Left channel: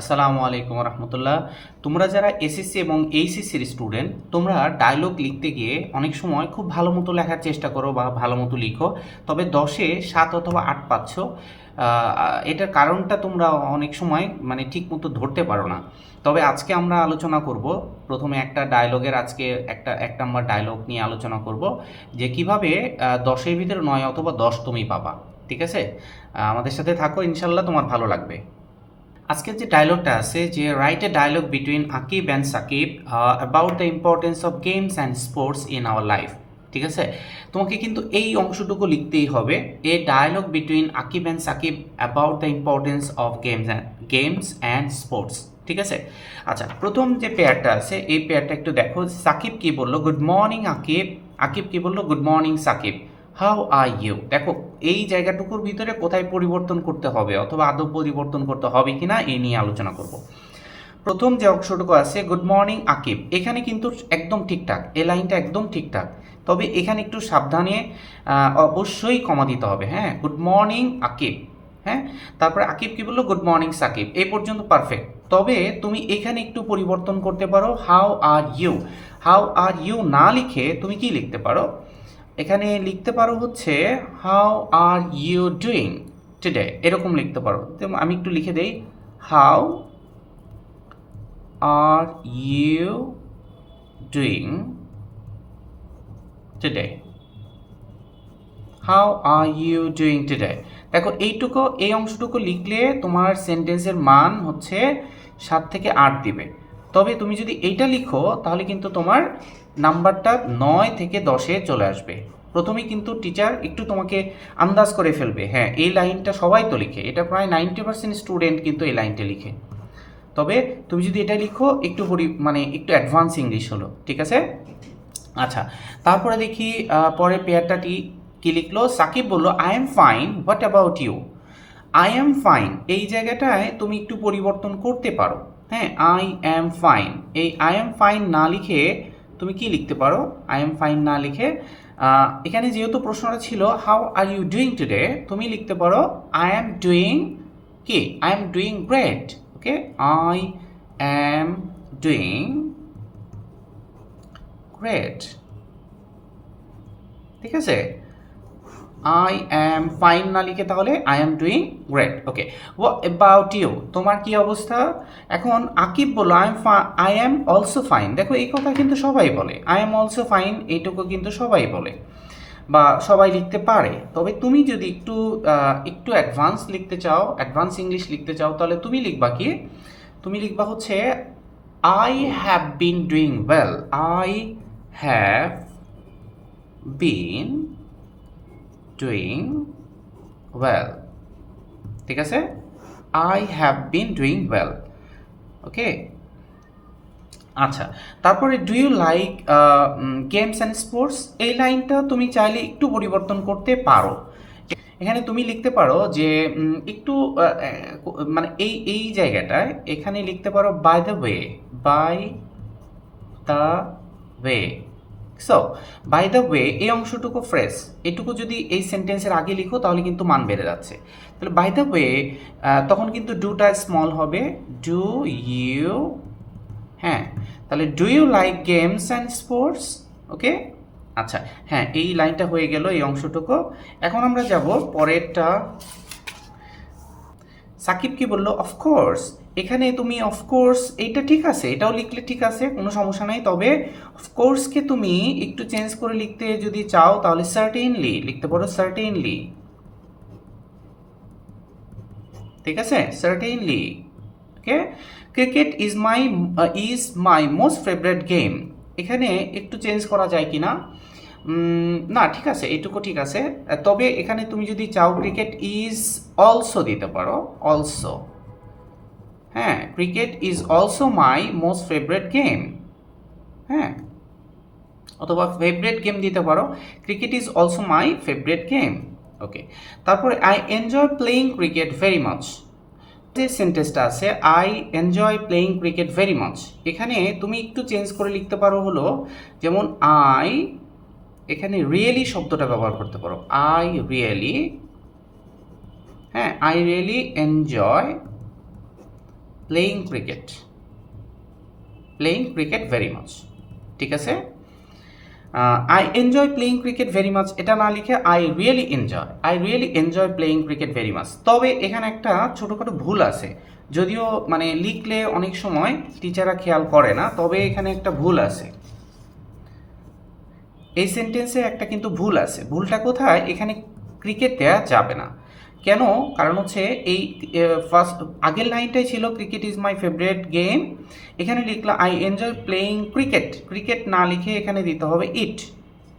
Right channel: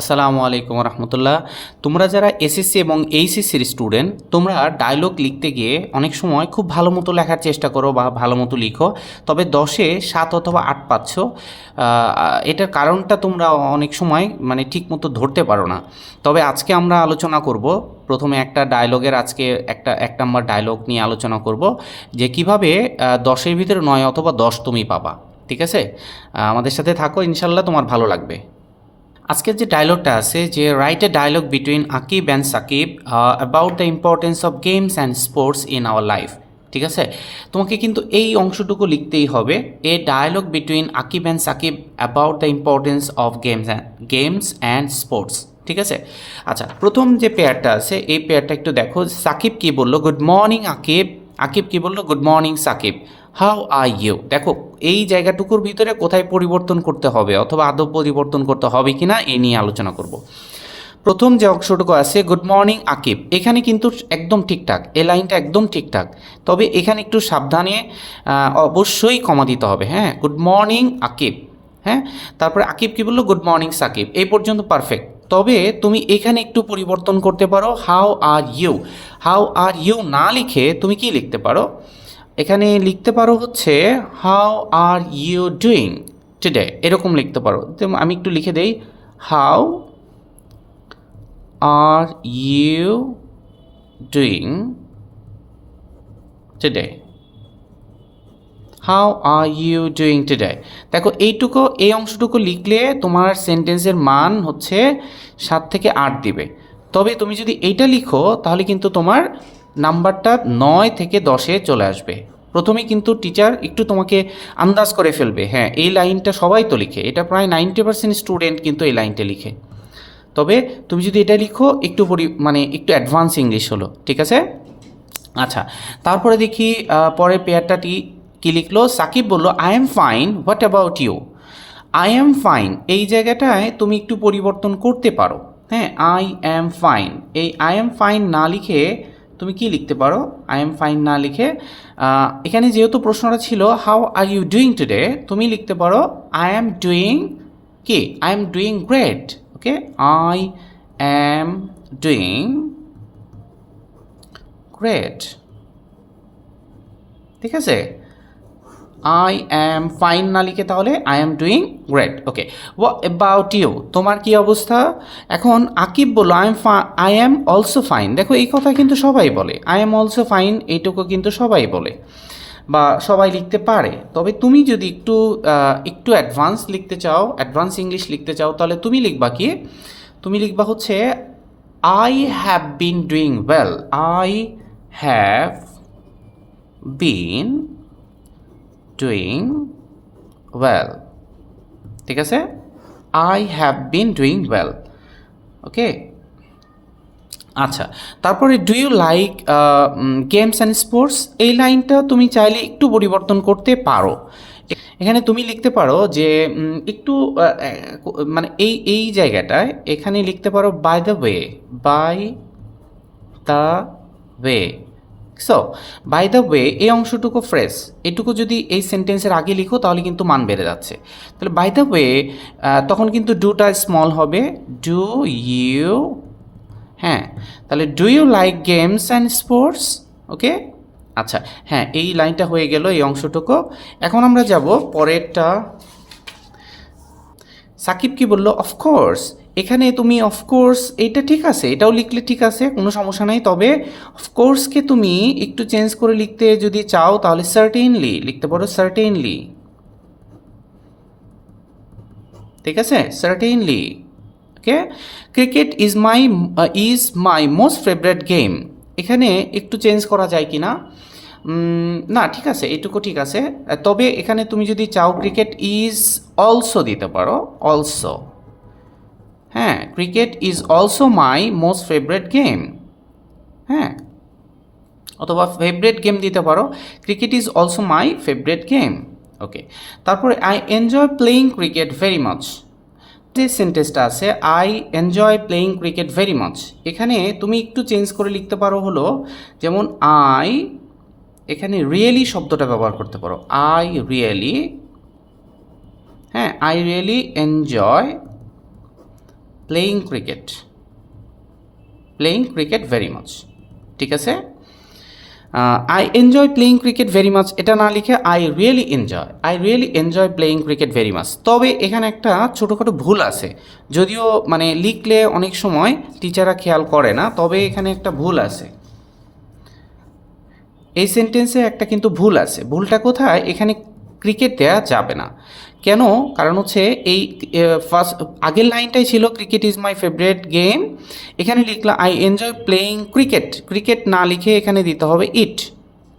আসসালামু আলাইকুম রহমতুল্লাহ। তোমরা যারা এসএসসি এবং এইচএসসির স্টুডেন্ট, তোমরা ডায়লগ লিখতে গিয়ে অনেক সময় খুব ভালো মতো লেখার চেষ্টা করো বা ভালো মতো লিখো। তবে দশে সাত অথবা আট পাচ্ছ। এটার কারণটা তোমরা অনেক সময় মানে ঠিক মতো ধরতে পারো না। তবে আজকে আমরা আলোচনা করব। প্রথমে একটা ডায়লগের আজকে একটা, এক নম্বর ডায়লগ নিয়ে আলোচনা করব যে কীভাবে দশের ভিতরে নয় অথবা দশ তুমি পাবা। ঠিক আছে? আমাদের সাথে থাকো ইনশাল্লাহ তোমার ভালো লাগবে। আজকের যে ডায়লগটা আছে, যে write a dialogue between Aqib and Sakib about the importance of games and sports in our life ঠিক আছে? তোমাকে কিন্তু এই অংশটুকু লিখতেই হবে a dialogue between Aqib and Sakib about the importance of games and games and sports ঠিক আছে? আচ্ছা প্রথম যে পেয়ারটা আছে, এই পেয়ারটা একটু দেখো সাকিব কি বলল? গুড মর্নিং আকিব আকিব কি বলল? Good morning Sakib how are you দেখো, এই জায়গাটুকুর ভিতরে কোথায় পরিবর্তন করতে হবে অথবা আদৌ পরিবর্তন করতে হবে কি না এই নিয়ে আলোচনা করব। প্রথম যে অংশটুকু আছে গুড মর্নিং আকিব এখানে কিন্তু একদম ঠিকঠাক, এই লাইনটা একদম ঠিকঠাক। তবে এখানে একটু সাবধানে অবশ্যই কমা দিতে হবে হ্যাঁ? গুড মর্নিং আকিব হ্যাঁ? তারপরে আকিব কি বলল? গুড মর্নিং সাকিব এই পর্যন্ত পারফেক্ট তবে তুমি এখানে একটু পরিবর্তন করতে পারো how are you how are you না লিখে তুমি কি লিখতে পারো? এখানে লিখতে পারো হচ্ছে how are you doing today এরকম লিখতে পারো। আমি একটু লিখে দেই how are you doing today how are you doing today দেখো, এইটুকু, এই অংশটুকু লিখলে তোমার সেন্টেন্সের মান হচ্ছে সাত থেকে আট দিবে। তবে তুমি যদি এইটা লিখো, তাহলে কিন্তু তোমার নাম্বারটা নয় থেকে দশে চলে আসবে। প্রথমে কিন্তু টিচার একটু তোমাকে আন্দাজ করে ফেলবে হ্যাঁ এই লাইনটা সবাই তো লিখে, এটা প্রায় নাইনটি পার্সেন্ট স্টুডেন্ট কিন্তু এই লাইনটা লিখে। তবে তুমি যদি এটা লিখো, একটু পরি মানে একটু অ্যাডভান্স ইংলিশ হলো, ঠিক আছে? আচ্ছা তারপরে দেখি পরে পরের পেয়ারটাটি কি লিখলো? সাকিব বলল I am fine what about you I am fine এই জায়গাটায় তুমি একটু পরিবর্তন করতে পারো হ্যাঁ আই অ্যাম ফাইন এই আই এম ফাইন না লিখে তুমি কি লিখতে পারো? আই এম ফাইন না লিখে। এখানে যেহেতু প্রশ্নটা ছিল how are you doing today তুমি লিখতে পারো আই এম ডুইং কি? I am doing great okay I am doing great ঠিক আছে? আই অ্যাম ফাইন না লিখে তাহলে I am doing great okay what about you তোমার কি অবস্থা? এখন আকিব বলল I am I am also fine দেখো, এই কথা কিন্তু সবাই বলে। আই এম অলসো ফাইন এইটুকু কিন্তু সবাই বলে। বা সবাই লিখতে পারে। তবে তুমি যদি একটু একটু অ্যাডভান্স লিখতে চাও অ্যাডভান্স ইংলিশ লিখতে চাও, তাহলে তুমি লিখবা কি? তুমি লিখবা হচ্ছে I have been doing well I have been doing well ঠিক আছে? I have been doing well okay আচ্ছা তারপরে do you like games and sports এই লাইনটা তুমি চাইলে একটু পরিবর্তন করতে পারো। এখানে তুমি লিখতে পারো যে একটু মানে এই এই জায়গাটায় এখানে লিখতে পারো by the way by the way so by the way এই অংশটুকু ফ্রেশ এটুকু যদি এই সেন্টেন্সের আগে লিখো, তাহলে কিন্তু মান বেড়ে যাচ্ছে। তাহলে বাই দ্য ওয়ে তখন কিন্তু ডুটা স্মল হবে। ডু ইউ হ্যাঁ তাহলে do you like games and sports okay আচ্ছা হ্যাঁ এই লাইনটা হয়ে গেল, এই অংশটুকু। এখন আমরা যাব পরেরটা। সাকিব কি বলল? অফকোর্স এখানে তুমি অফকোর্স এইটা ঠিক আছে, এটাও লিখলে ঠিক আছে, কোনো সমস্যা নাই, তবে অফকোর্সকে তুমি একটু চেঞ্জ করে লিখতে যদি চাও, তাহলে সার্টেনলি লিখতে পারো সার্টেনলি ঠিক আছে? Certainly okay cricket is my is my most favourite game এখানে একটু চেঞ্জ করা যায় কি না? না, ঠিক আছে, এটুকু ঠিক আছে। তবে এখানে তুমি যদি চাও ক্রিকেট ইজ অলসো দিতে পারো অলসো হ্যাঁ cricket is also my most favourite game হ্যাঁ অথবা ফেভারেট গেম দিতে পারো। Cricket is also my favourite game okay তারপরে I enjoy playing cricket very much যে সেন্টেন্সটা আছে I enjoy playing cricket very much এখানে তুমি একটু চেঞ্জ করে লিখতে পারো হলো, যেমন আই এখানে রিয়েলি শব্দটা ব্যবহার করতে পারো। আই রিয়েলি হ্যাঁ I really enjoy playing cricket playing cricket very much ঠিক আছে? I enjoy playing cricket very much এটা না লিখে I really enjoy I really enjoy playing cricket very much তবে এখানে একটা ছোটোখাটো ভুল আছে। যদিও মানে লিখলে অনেক সময় টিচাররা খেয়াল করে না, তবে এখানে একটা ভুল আছে। এই সেন্টেন্সে একটা কিন্তু ভুল আছে। ভুলটা কোথায়? এখানে ক্রিকেট দেয়া যাবে না। কেন? কারণ হচ্ছে এই ফার্স্ট আগের লাইনটাই ছিল cricket is my favourite game এখানে লিখলাম I enjoy playing cricket cricket না লিখে এখানে দিতে হবে ইট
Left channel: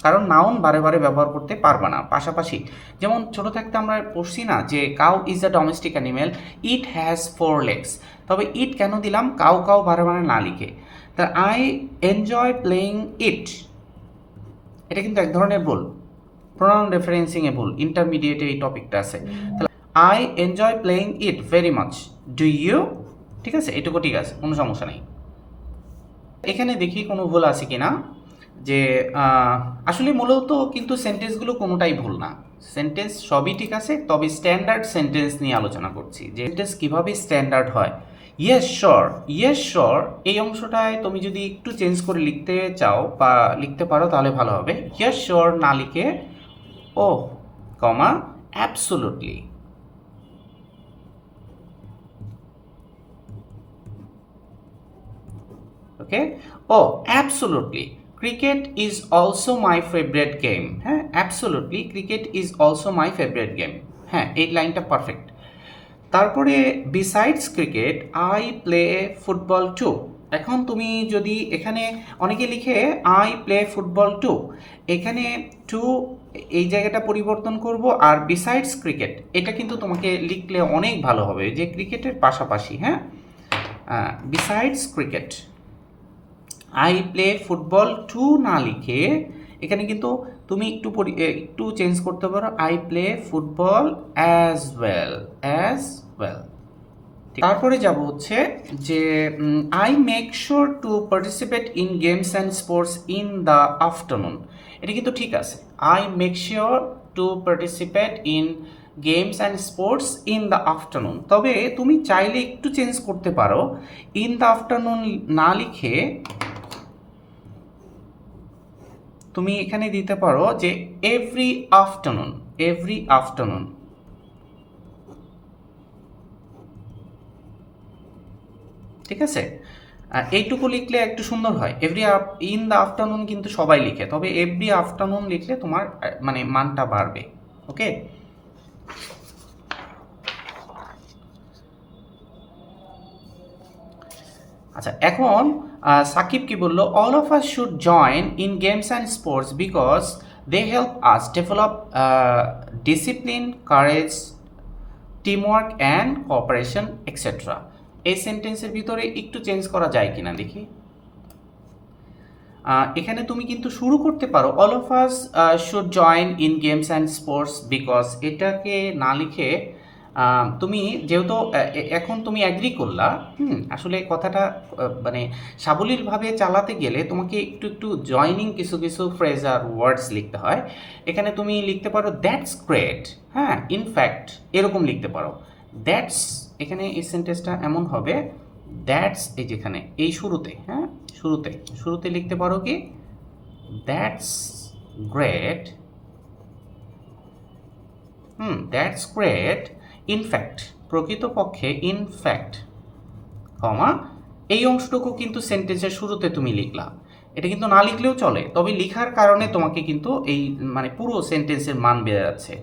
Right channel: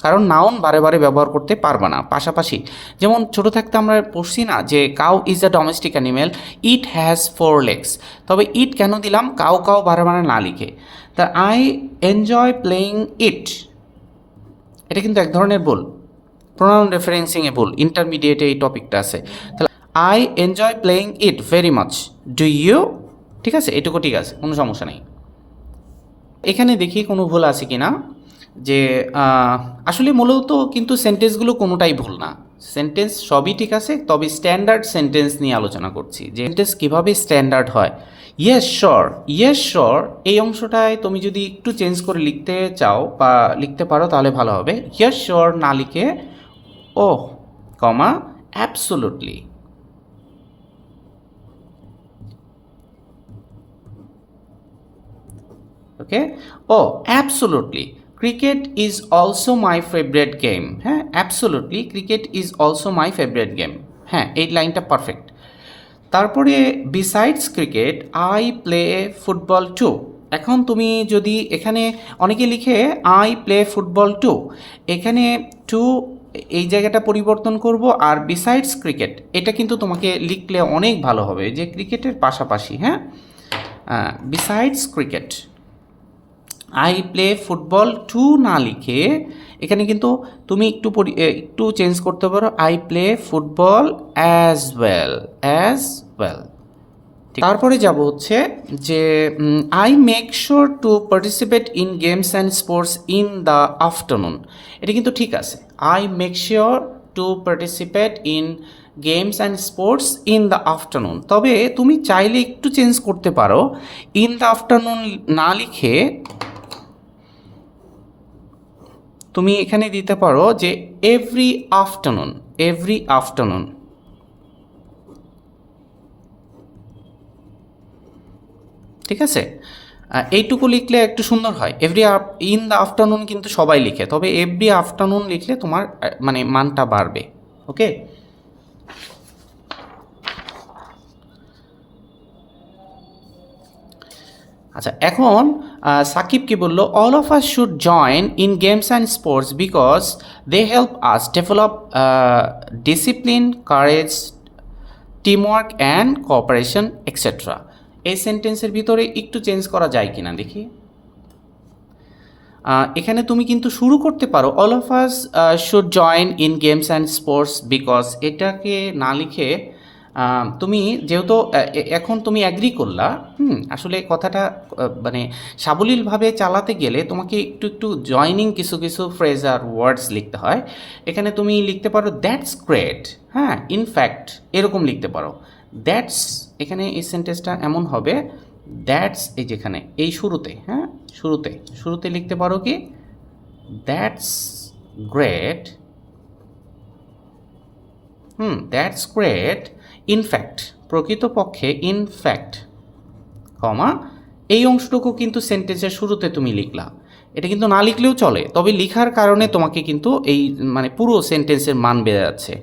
কারণ নাউন বারে বারে ব্যবহার করতে পারবে না। পাশাপাশি, যেমন ছোটো থাকতে আমরা পড়ছি না যে cow is a domestic animal it has four legs তবে ইট কেন দিলাম? কাউ কাউ বারে বারে না লিখে। তা আই এনজয় প্লেয়িং ইট এটা কিন্তু এক ধরনের ভুল। প্রোনাউন রেফারেন্সিংয়ে ভুল ইন্টারমিডিয়েটে এই টপিকটা আছে। তাহলে I enjoy playing it very much do you ঠিক আছে, এটুকু ঠিক আছে, কোনো সমস্যা নেই। এখানে দেখি কোনো ভুল আছে কি না যে আসলে মূলত কিন্তু সেন্টেন্সগুলো কোনোটাই ভুল না। সেন্টেন্স সবই ঠিক আছে, তবে স্ট্যান্ডার্ড সেন্টেন্স নিয়ে আলোচনা করছি। যে সেন্টেন্স কীভাবে স্ট্যান্ডার্ড হয়? ইয়েস শর ইয়েস শর এই অংশটায় তুমি যদি একটু চেঞ্জ করে লিখতে চাও বা লিখতে পারো তাহলে ভালো হবে। ইয়েস শর না লিখে ও comma absolutely okay oh absolutely cricket is also my favourite game হ্যাঁ absolutely cricket is also my favourite game হ্যাঁ এই লাইনটা পারফেক্ট তারপরে besides cricket I play football too এখন তুমি যদি এখানে অনেকে লিখে আই প্লে ফুটবল টু এখানে টু এই জায়গাটা পরিবর্তন করব, আর বিসাইডস ক্রিকেট এটা কিন্তু তোমাকে লিখলে অনেক ভালো হবে, যে ক্রিকেটের পাশাপাশি হ্যাঁ? Besides cricket I play football too না লিখে, এখানে কিন্তু তুমি একটু একটু চেঞ্জ করতে পারো I play football as well as well তারপরে যাব হচ্ছে যে I make sure to participate in games and sports in the afternoon এটা কিন্তু ঠিক আছে। I make sure to participate in games and sports in the afternoon তবে তুমি চাইলে একটু চেঞ্জ করতে পারো। ইন দ্য আফটারনুন না লিখে তুমি এখানে দিতে পারো যে এভরি আফটারনুন এভরি আফটারনুন ঠিক আছে? এইটুকু লিখলে একটু সুন্দর হয়। এভরি ইন দ্য আফটারনুন কিন্তু সবাই লিখে, তবে এভরি আফটারনুন লিখলে তোমার মানে মানটা বাড়বে, ওকে? আচ্ছা এখন সাকিব কি বলল all of us should join in games and sports because they help us develop discipline courage teamwork and cooperation etcetera এই সেন্টেন্সের ভিতরে একটু চেঞ্জ করা যায় কিনা দেখি। এখানে তুমি কিন্তু শুরু করতে পারো all of us should join in games and sports because এটাকে না লিখে তুমি যেহেতু এখন তুমি অ্যাগ্রি করলা, হুম, আসলে কথাটা মানে সাবলীলভাবে চালাতে গেলে তোমাকে একটু একটু জয়নিং কিছু কিছু ফ্রেজ আর ওয়ার্ডস লিখতে হয়। এখানে তুমি লিখতে পারো দ্যাটস গ্রেট হ্যাঁ ইনফ্যাক্ট এরকম লিখতে পারো। দ্যাটস এখানে এই সেন্টেন্সটা এমন হবে দ্যাটস এই যেখানে এই শুরুতে হ্যাঁ? শুরুতে শুরুতে লিখতে পারো কি? That's great hmm that's great in fact প্রকৃতপক্ষে ইনফ্যাক্ট কমা, এই অংশটুকু কিন্তু সেন্টেন্সের শুরুতে তুমি লিখলা। এটা কিন্তু না লিখলেও চলে। তবে লিখার কারণে তোমাকে কিন্তু এই মানে পুরো সেন্টেন্সের মান বেড়ে যাচ্ছে।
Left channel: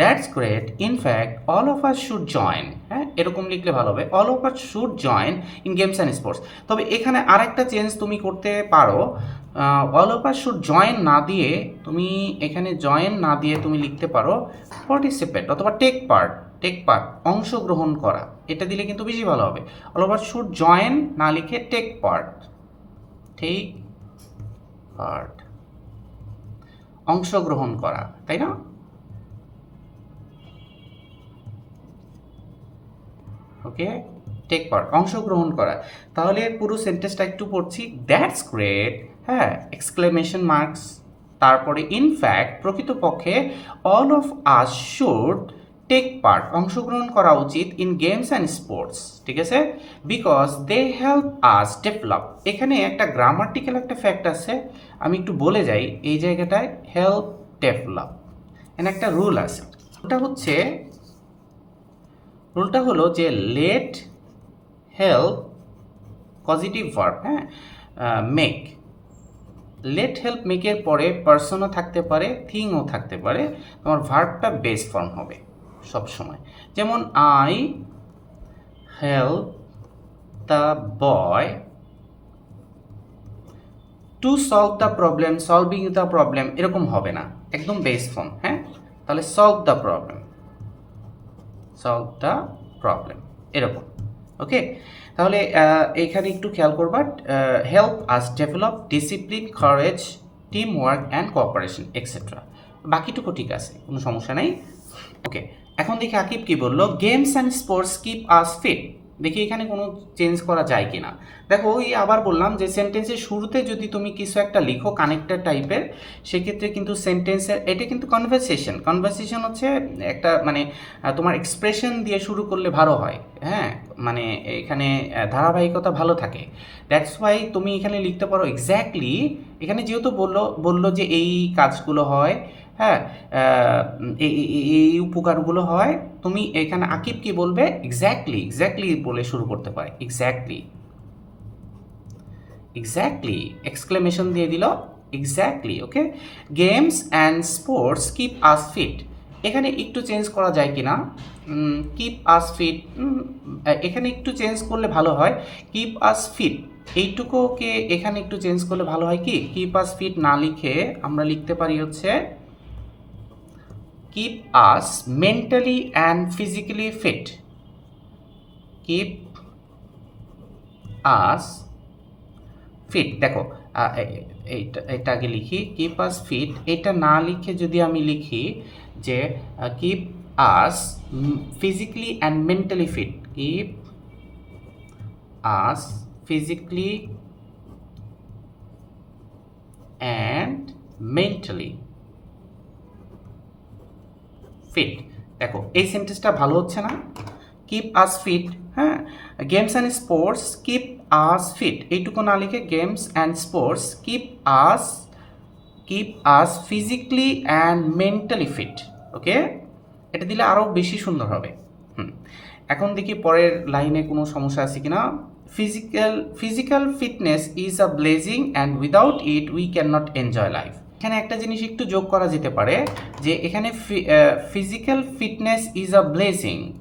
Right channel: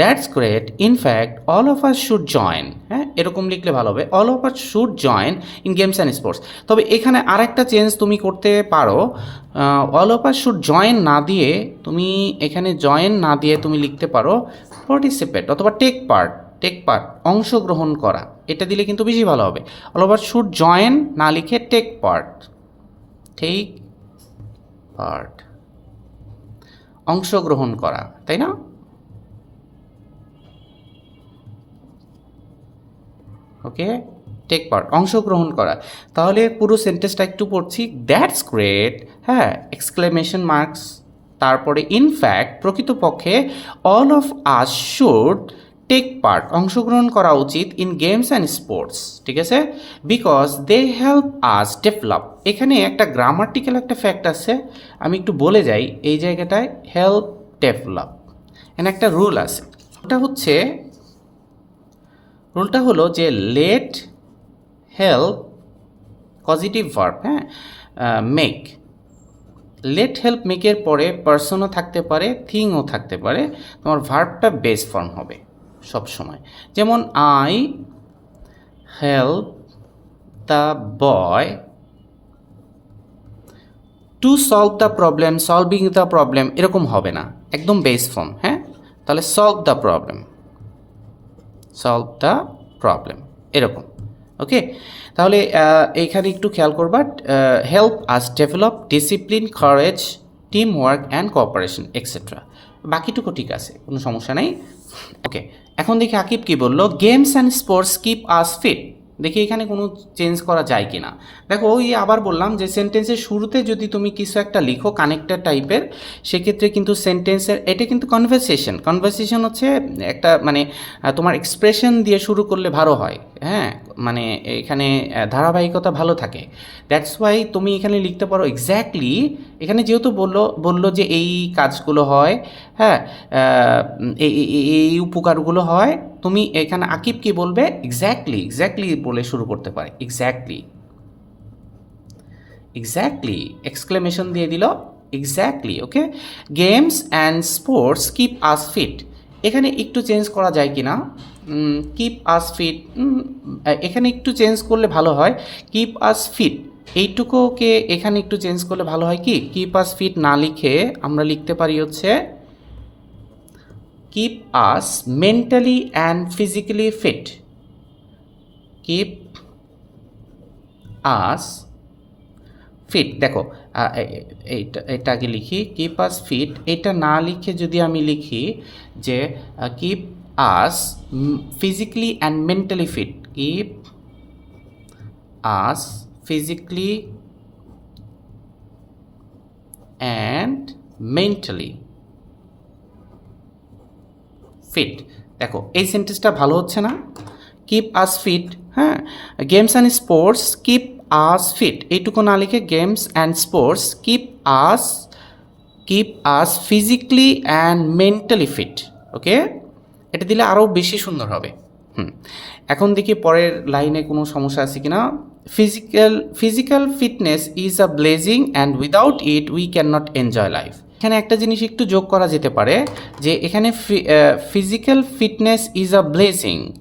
That's great in fact all of us should join হ্যাঁ এরকম লিখলে ভালো হবে। All of us should join in games and sports তবে এখানে আরেকটা চেঞ্জ তুমি করতে পারো। All of us should join না দিয়ে তুমি এখানে জয়েন না দিয়ে তুমি লিখতে পারো পার্টিসিপেট অথবা টেক পার্ট টেক পার্ট অংশগ্রহণ করা। এটা দিলে কিন্তু বেশি ভালো হবে। অল ওভার শুড জয়েন না লিখে টেক পার্ট টেক পার্ট অংশগ্রহণ করা, তাই না? ওকে টেক পার্ট অংশগ্রহণ করা। তাহলে পুরো সেন্টেন্সটা একটু পড়ছি দ্যাটস গ্রেট হ্যাঁ এক্সক্লেমেশন মার্কস তারপরে ইনফ্যাক্ট প্রকৃতপক্ষে all of us should take part অংশগ্রহণ করা উচিত ইন গেমস অ্যান্ড স্পোর্টস ঠিক আছে? Because they help us develop এখানে একটা গ্রামাটিক্যাল একটা ফ্যাক্ট আছে, আমি একটু বলে যাই, এই জায়গাটায় হেল্প ডেভেলপ এখানে একটা রুল আছে। ওটা হচ্ছে রুলটা হলো যে লেট হেল্প পজিটিভ ভার্ব হ্যাঁ? মেক লেট হেল্প মেকের পরে পার্সনও থাকতে পারে থিংও থাকতে পারে, তোমার ভার্বটা বেস ফর্ম হবে। সব সময়। যেমন I help the boy to solve the problem, solving the problem এরকম হবে না। একদম বেস ফর্ম হ্যাঁ? তাহলে solve the problem. Solve the problem, এরকম, ওকে? তাহলে এইখানে একটু খেয়াল করবা help us develop, discipline, courage team work and cooperation etcetera বাকিটুকু ঠিক আছে, কোনো সমস্যা নেই। ওকে এখন দেখি আকিব কি বলল games and sports keep us fit দেখি এখানে কোনো চেঞ্জ করা যায় কি না দেখো, ওই আবার বললাম যে সেন্টেন্সের শুরুতে যদি তুমি কিছু একটা লিখো কানেক্টেড টাইপের সেক্ষেত্রে কিন্তু সেন্টেন্সের এটা কিন্তু কনভারসেশন কনভারসেশন হচ্ছে একটা মানে তোমার এক্সপ্রেশন দিয়ে শুরু করলে ভালো হয়। হ্যাঁ মানে এখানে ধারাবাহিকতা ভালো থাকে। দ্যাটস ওয়াই তুমি এখানে লিখতে পারো এক্স্যাক্টলি এখানে যেহেতু বলল বলল যে এই কাজগুলো হয় হ্যাঁ এই উপকারগুলো হয়, তুমি এখানে আকিব কি বলবে? এক্স্যাক্টলি এক্স্যাক্টলি বলে শুরু করতে পারে। এক্স্যাক্টলি এক্স্যাক্টলি এক্সক্লেমেশন দিয়ে দিল। Exactly okay games and sports keep us fit এখানে একটু চেঞ্জ করা যায় কি না? কিপ আস ফিট এখানে একটু চেঞ্জ করলে ভালো হয়। কিপ আস ফিট এইটুকুকে এখানে একটু চেঞ্জ করলে ভালো হয় কি? কিপ আস ফিট না লিখে আমরা লিখতে পারি হচ্ছে keep us mentally and physically fit keep us fit দেখো এইটা, এটা আগে লিখি। কিপ আস ফিট এটা না লিখে যদি আমি লিখি যে keep us physically and mentally fit keep us physically and mentally fit দেখো, এই সেন্টেন্সটা ভালো হচ্ছে না। কিপ আস ফিট হ্যাঁ? Games and sports keep us fit এইটুকু না লিখে games and sports keep us keep us physically and mentally fit okay এটা দিলে আরও বেশি সুন্দর হবে। হুম। এখন দেখি পরের লাইনে কোনো সমস্যা আছে কি না physical physical fitness is a blessing and without it we can not enjoy life এখানে একটা জিনিস একটু যোগ করা যেতে পারে, যে এখানে physical fitness is a blessing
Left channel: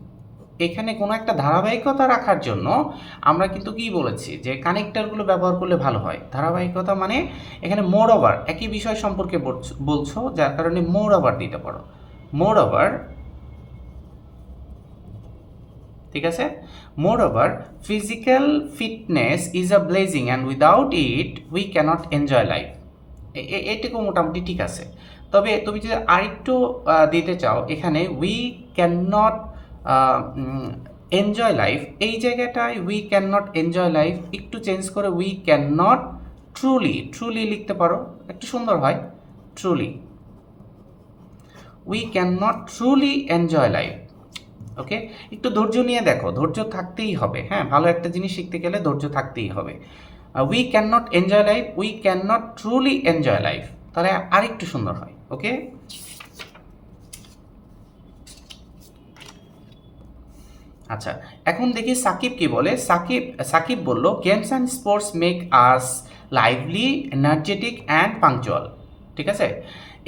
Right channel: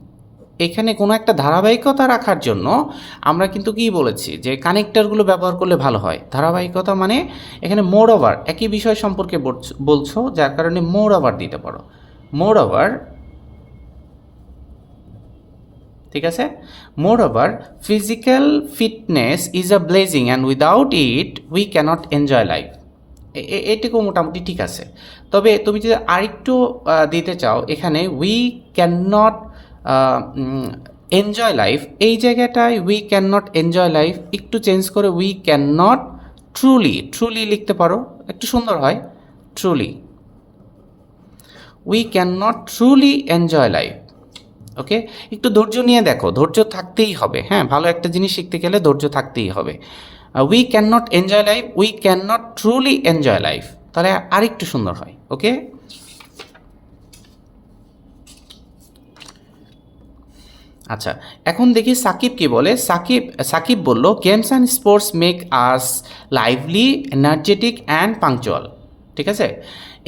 এখানে কোনো একটা ধারাবাহিকতা রাখার জন্য আমরা কিন্তু কি বলেছি, যে কানেক্টারগুলো ব্যবহার করলে ভালো হয়। ধারাবাহিকতা মানে এখানে মোর ওভার একই বিষয় সম্পর্কে বলছ- বলছো, যার কারণে মোর ওভার দিতে পারো। মোর ওভার ঠিক আছে? Moreover physical fitness is a blessing and without it we cannot enjoy life এটুকু মোটামুটি ঠিক আছে। তবে তুমি যদি আরেকটু দিতে চাও, এখানে we can not enjoy life এই জায়গাটায় we can not enjoy life একটু চেঞ্জ করে we can not truly truly লিখতে পারো, একটু সুন্দর হয় truly we can not truly enjoy life okay একটু ধৈর্য নিয়ে দেখো, ধৈর্য থাকতেই হবে হ্যাঁ? ভালো একটা জিনিস শিখতে গেলে ধৈর্য থাকতেই হবে। We can not enjoy life we can not truly enjoy life তাহলে আরেকটু সুন্দর হয় ওকে আচ্ছা এখন দেখি সাকিব কি বলে? সাকিব সাকিব বলল games and sports make us lively energetic and punctual ঠিক আছে?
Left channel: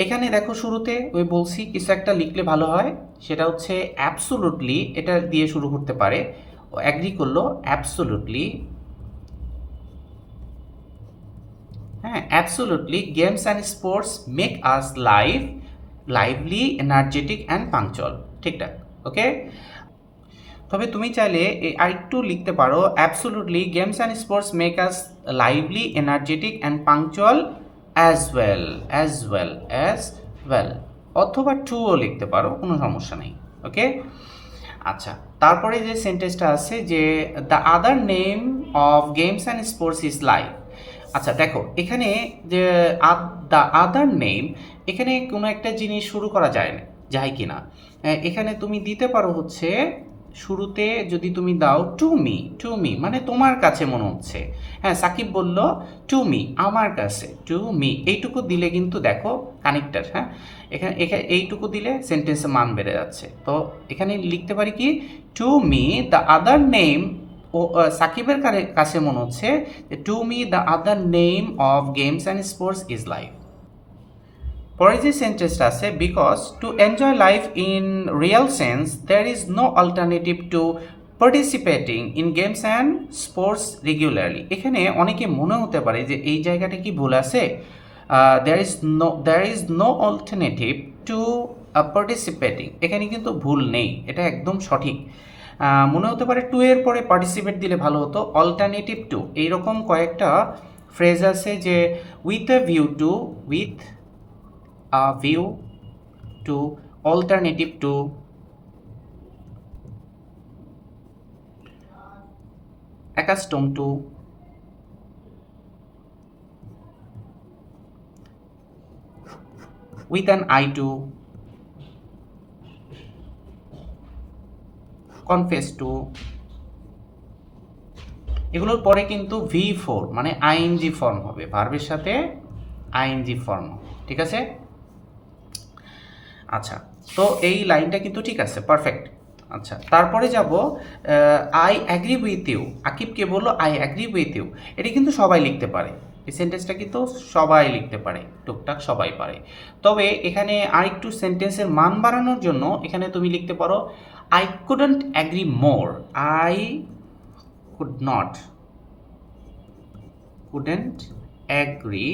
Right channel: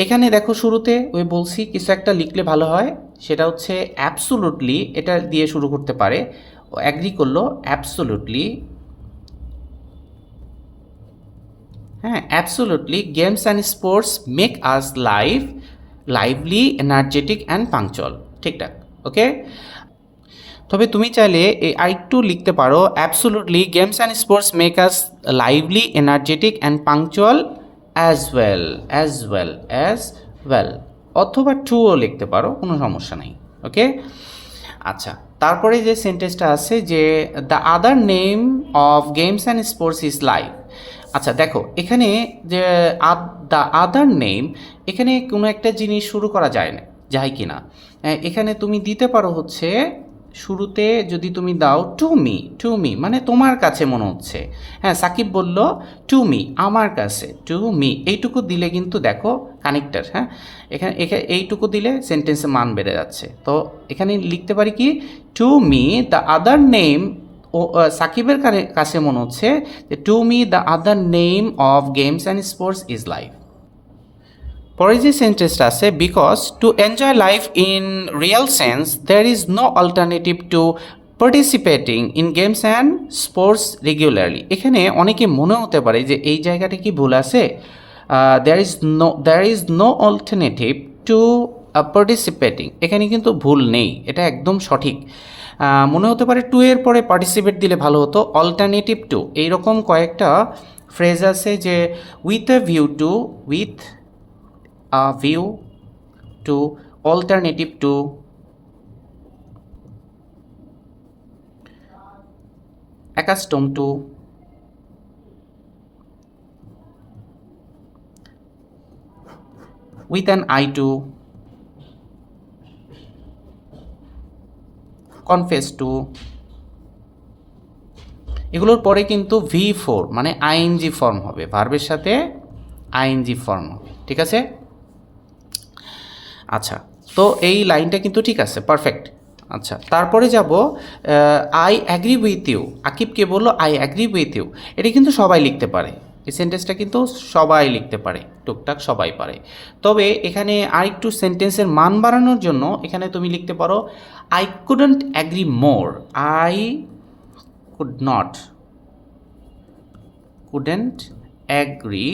এখানে দেখো শুরুতে ওই বলছি, কিছু একটা লিখলে ভালো হয়, সেটা হচ্ছে অ্যাবসোলুটলি এটা দিয়ে শুরু করতে পারে। অ্যাগ্রি করল অ্যাবসোলুটলি হ্যাঁ absolutely games and sports make us live lively energetic and punctual ঠিকঠাক ওকে তবে তুমি চাইলে এই আরেকটু লিখতে পারো absolutely games and sports make us lively energetic and punctual as well as well as well অথবা টুও লিখতে পারো, কোনো সমস্যা নেই ওকে আচ্ছা তারপরে যে সেন্টেন্সটা আছে যে the other name of games and sports is live আচ্ছা দেখো, এখানে যে দ্য আদার নেম, এখানে কোনো একটা জিনিস শুরু করা যায় না, যায় কি না এখানে তুমি দিতে পারো হচ্ছে, শুরুতে যদি তুমি দাও টু মি টু মি মানে তোমার কাছে মনে হচ্ছে। হ্যাঁ সাকিব বলল টু মি আমার কাছে টু মি এইটুকু দিলে কিন্তু দেখো কানেক্টার হ্যাঁ? এখানে এখানে এইটুকু দিলে সেন্টেন্সের মান বেড়ে যাচ্ছে। তো এখানে লিখতে পারি কি to me the other name সাকিবের কাছে মনে হচ্ছে যে to me the other name of games and sports is life পরে যে সেন্টেন্সটা আছে because to enjoy life in real sense there is no alternative to participating in games and sports regularly এখানে অনেকে মনে হতে পারে যে, এই জায়গাটা কি ভুল আছে? There is no there is no alternative to participating এখানে কিন্তু ভুল নেই, এটা একদম সঠিক। মনে হতে পারে টু এর পরে পার্টিসিপেট দিলে ভালো হতো। অল্টারনেটিভ টু এইরকম কয়েকটা ফ্রেজ আছে যে with a view to with a view to alternative to accustom to with an eye to confess to এগুলোর পরে কিন্তু ভি ফোর মানে আইএনজি ফর্ম হবে। ভার্বের সাথে আইএনজি ফর্ম ঠিক আছে? আচ্ছা তো এই লাইনটা কিন্তু ঠিক আছে পারফেক্ট আচ্ছা তারপরে যাব আই অ্যাগ্রি উইথ ইউ আকিবকে বলল আই অ্যাগ্রি উইথ ইউ এটা কিন্তু সবাই লিখতে পারে। এই সেন্টেন্সটা কিন্তু সবাই লিখতে পারে, টুকটাক সবাই পারে। তবে এখানে আরেকটু সেন্টেন্সের মান বাড়ানোর জন্য এখানে তুমি লিখতে পারো I couldn't agree more I could not couldn't agree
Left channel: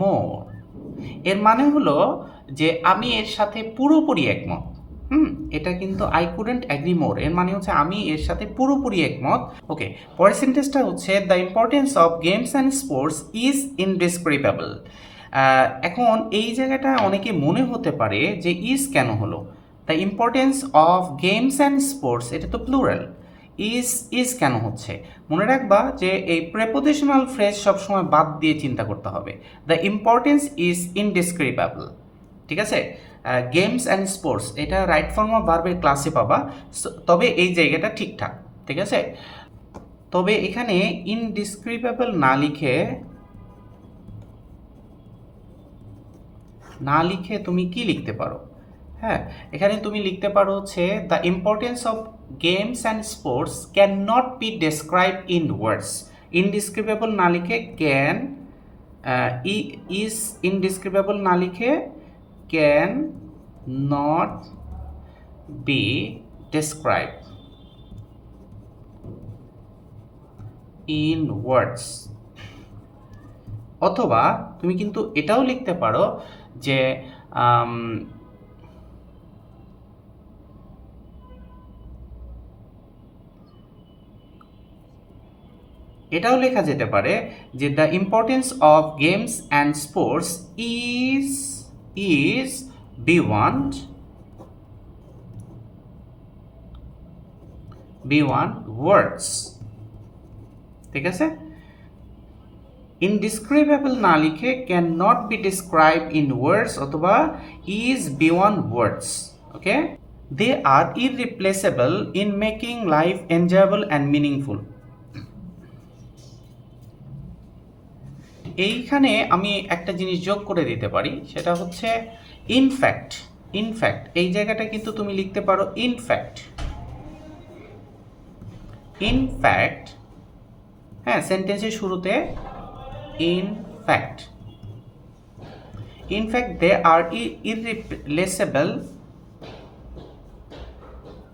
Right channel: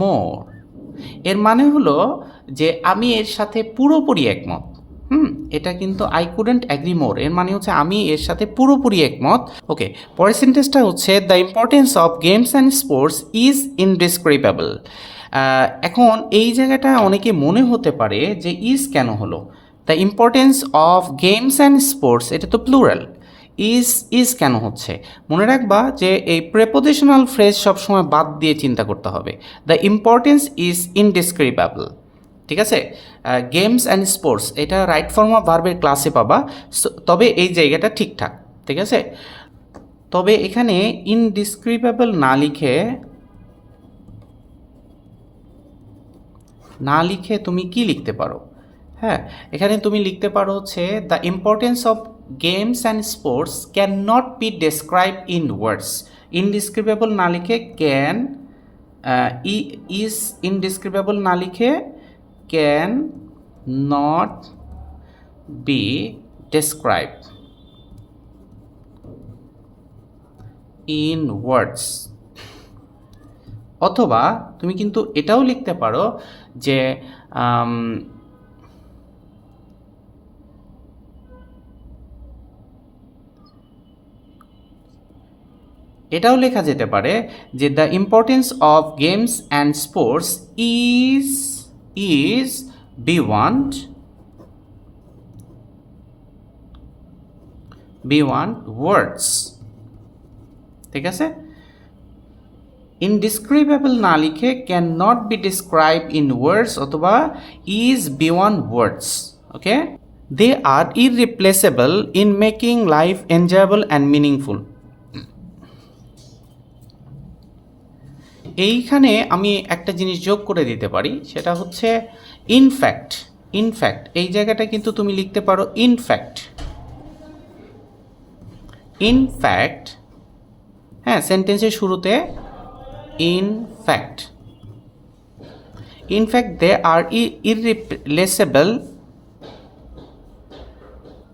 more এর মানে হলো যে আমি এর সাথে পুরোপুরি একমত। হুম, এটা কিন্তু আই কুডেন্ট অ্যাগ্রি মোর এর মানে হচ্ছে আমি এর সাথে পুরোপুরি একমত। ওকে পরের সেন্টেন্সটা হচ্ছে the importance of games and sports is indescribable এখন এই জায়গাটা অনেকে মনে হতে পারে যে ইজ কেন হলো? The importance of games and sports এটা তো প্লুরাল ইজ ইজ কেন হচ্ছে? মনে রাখবা যে এই প্রেপোজিশনাল ফ্রেজ সবসময় বাদ দিয়ে চিন্তা করতে হবে। দ্য ইম্পর্টেন্স ইজ ইনডিসক্রিপেবল ঠিক আছে? গেমস অ্যান্ড স্পোর্টস এটা রাইট ফর্ম অফ ভার্বের ক্লাসে পাবা। তবে এই জায়গাটা ঠিকঠাক ঠিক আছে? তবে এখানে ইনডিসক্রিপেবল না লিখে না লিখে তুমি কি লিখতে পারো? হ্যাঁ এখানে তুমি লিখতে পারো হচ্ছে the importance of games and sports can not be describe in words indescribable না লিখে ক্যান ইজ ইনডিসক্রিপেবল না লিখে can not be describe in words অথবা তুমি কিন্তু এটাও লিখতে পারো যে এটাও লেখা যেতে পারে যে the importance of games and sports is want be one words ঠিক আছে? ইনডিসক্রিপেবল না লিখে can not be describe in words অথবা is beyond words okay they are irreplaceable in making life enjoyable and meaningful এইখানে আমি একটা জিনিস যোগ করে দিতে পারি, সেটা হচ্ছে ইনফ্যাক্ট ইনফ্যাক্ট এই জায়গাটা কিন্তু তুমি লিখতে পারো ইনফ্যাক্ট ইনফ্যাক্ট হ্যাঁ সেন্টেন্সের শুরুতে in fact in fact they are irreplaceable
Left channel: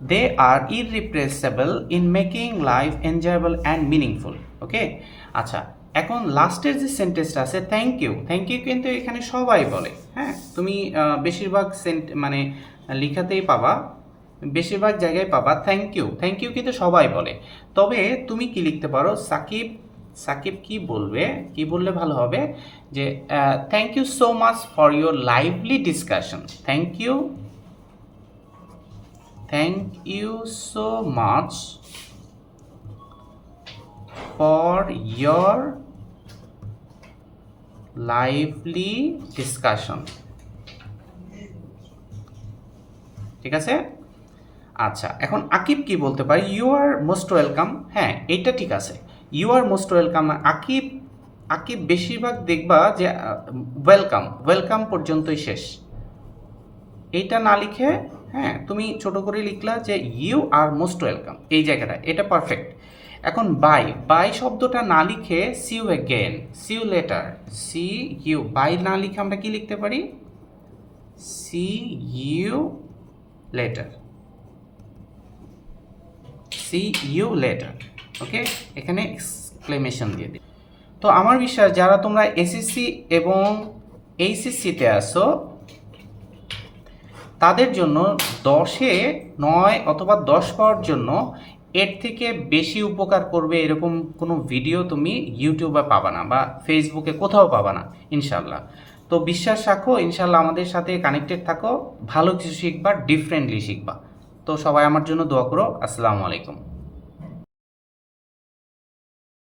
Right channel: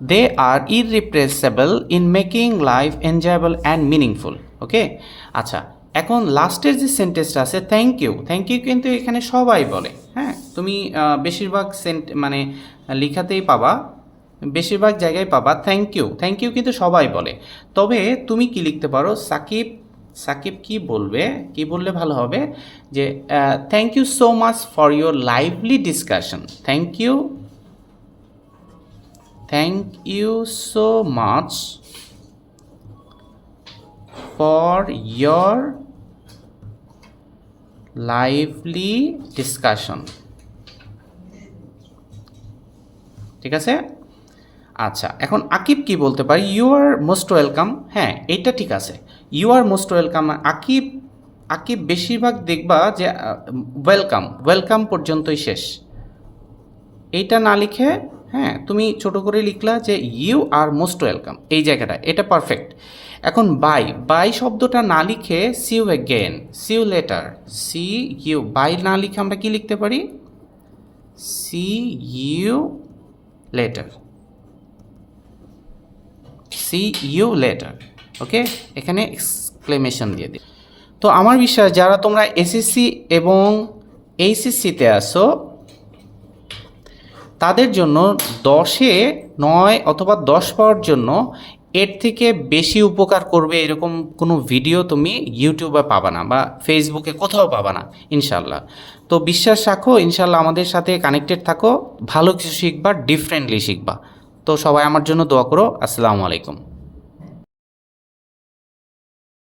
they are irreplaceable in making life enjoyable and meaningful okay আচ্ছা এখন লাস্টের যে সেন্টেন্সটা আছে থ্যাংক ইউ থ্যাংক ইউ কিন্তু এখানে সবাই বলে হ্যাঁ? তুমি বেশিরভাগ সেন্ট মানে লিখাতেই পাবা, বেশিরভাগ জায়গায় পাবা থ্যাংক ইউ থ্যাংক ইউ কিন্তু সবাই বলে। তবে তুমি কি লিখতে পারো? সাকিব সাকিব কি বলবে? কি বললে ভালো হবে? যে thank you so much for your lively discussion thank you thank you so much for your lively discussion ঠিক আছে? আচ্ছা এখন আকিব কি বলতে পারি? ইউ আর মোস্ট ওয়েলকাম হ্যাঁ এটা ঠিক আছে। You are most welcome Akib Akib বেশিরভাগ দেখবা যে ওয়েলকাম ওয়েলকাম পর্যন্তই শেষ। এইটা না লিখে হ্যাঁ তুমি ছোট করে লিখলা যে ইউ আর মোস্ট ওয়েলকাম এই জায়গাটা, এটা পারফেক্ট এখন বাই বাই শব্দটা না লিখে see you again see you later see you bye না লিখে আমরা কি লিখতে পারি? See you later see you later okay এখানে এক্সক্লেমেশন দিয়ে দিই। তো আমার বিশ্বাস যারা তোমরা এসএসসি এবং এইচএসসিতে আসো তাদের জন্য দশে নয় অথবা দশ পাওয়ার জন্য এর থেকে বেশি উপকার করবে এরকম কোনো ভিডিও তুমি ইউটিউবে পাবা না বা ফেসবুকে কোথাও পাবা না, ইনশাল্লাহ। তো বিশ্বাস রাখো, ইনশাল্লাহ আমাদের সাথে কানেক্টেড থাকো, ভালো কিছু শিখবা ডিফারেন্টলি শিখবা। তো সবাই আমার জন্য দোয়া করো, আসসালামু আলাইকুম।